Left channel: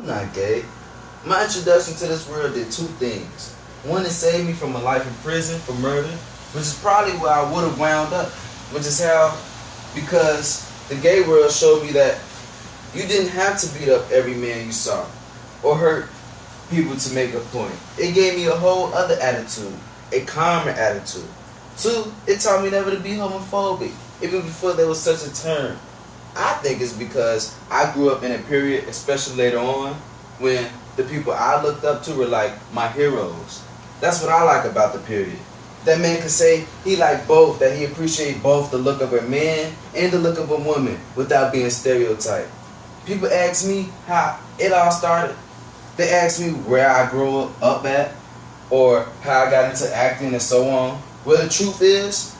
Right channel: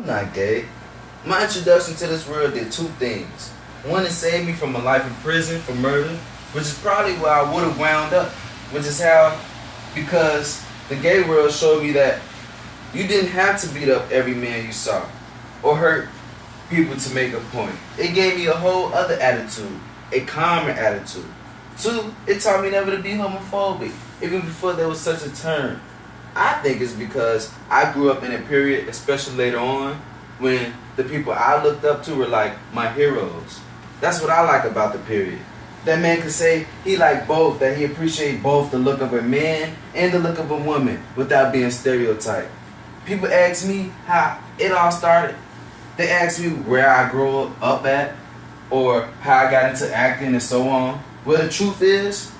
I'm not gay. My introduction to this world did two things. One, it saved me from a life in prison for murder, which is probably where I would have wound up, which is how, because the gay world showed me that you didn't have to beat up every man you saw or hurt people to make a point. It gave me a whole other attitude, a calmer attitude. Two, it taught me never to be homophobic, even before there was such a term. I think it's because I grew up in a period, especially later on, when the people I looked up to were like my heroes. That's what I like about the period. That man could say he liked both, that he appreciated both the look of a man and the look of a woman without being stereotyped. People ask me how it all started. They ask me where I grew up at or how I got into acting and so on. Well, the truth is,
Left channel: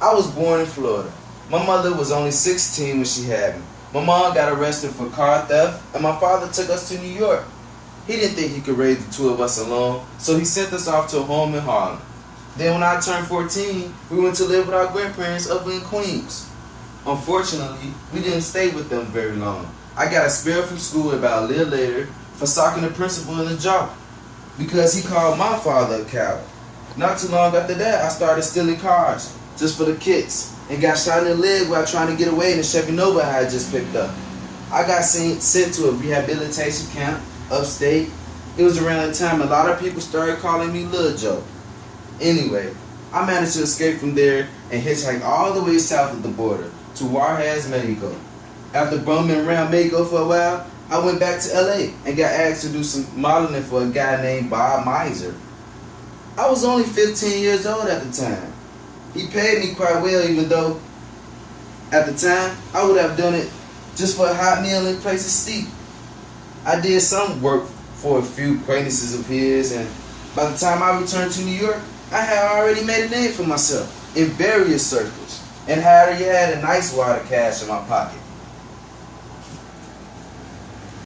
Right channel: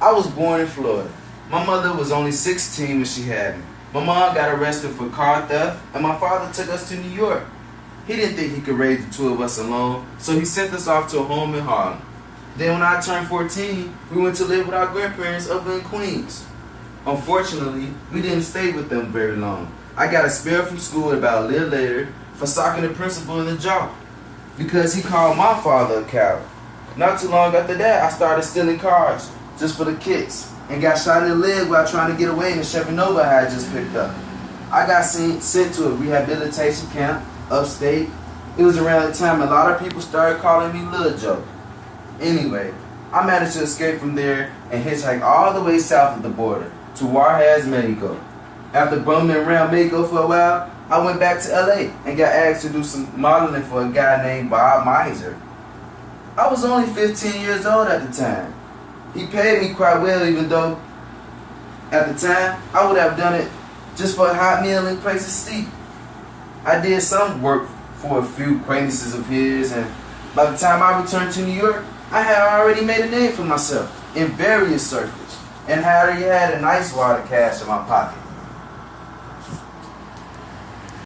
I was born in Florida. My mother was only 16 when she had me. My mom got arrested for car theft, and my father took us to New York. He didn't think he could raise the two of us alone, so he sent us off to a home in Harlem. Then when I turned 14, we went to live with our grandparents up in Queens. Unfortunately, we didn't stay with them very long. I got expelled from school about a little later for socking the principal in the jaw because he called my father a coward. Not too long after that, I started stealing cars just for the kicks and got shot in the leg while trying to get away in the Chevy Nova I had just picked up. I got sent to a rehabilitation camp upstate. It was around the time a lot of people started calling me Lil Joe. Anyway, I managed to escape from there and hitchhike all the way south of the border to Juarez, Mexico. After bumming around Mexico for a while, I went back to LA and got asked to do some modeling for a guy named Bob Miser. I was only 15 years old at the time. He paid me quite well, even though at the time I would have done it just for a hot meal and place to sleep. I did some work for a few acquaintances of his, and by the time I returned to New York, I had already made a name for myself in various circles and had already had a nice wad of cash in my pocket.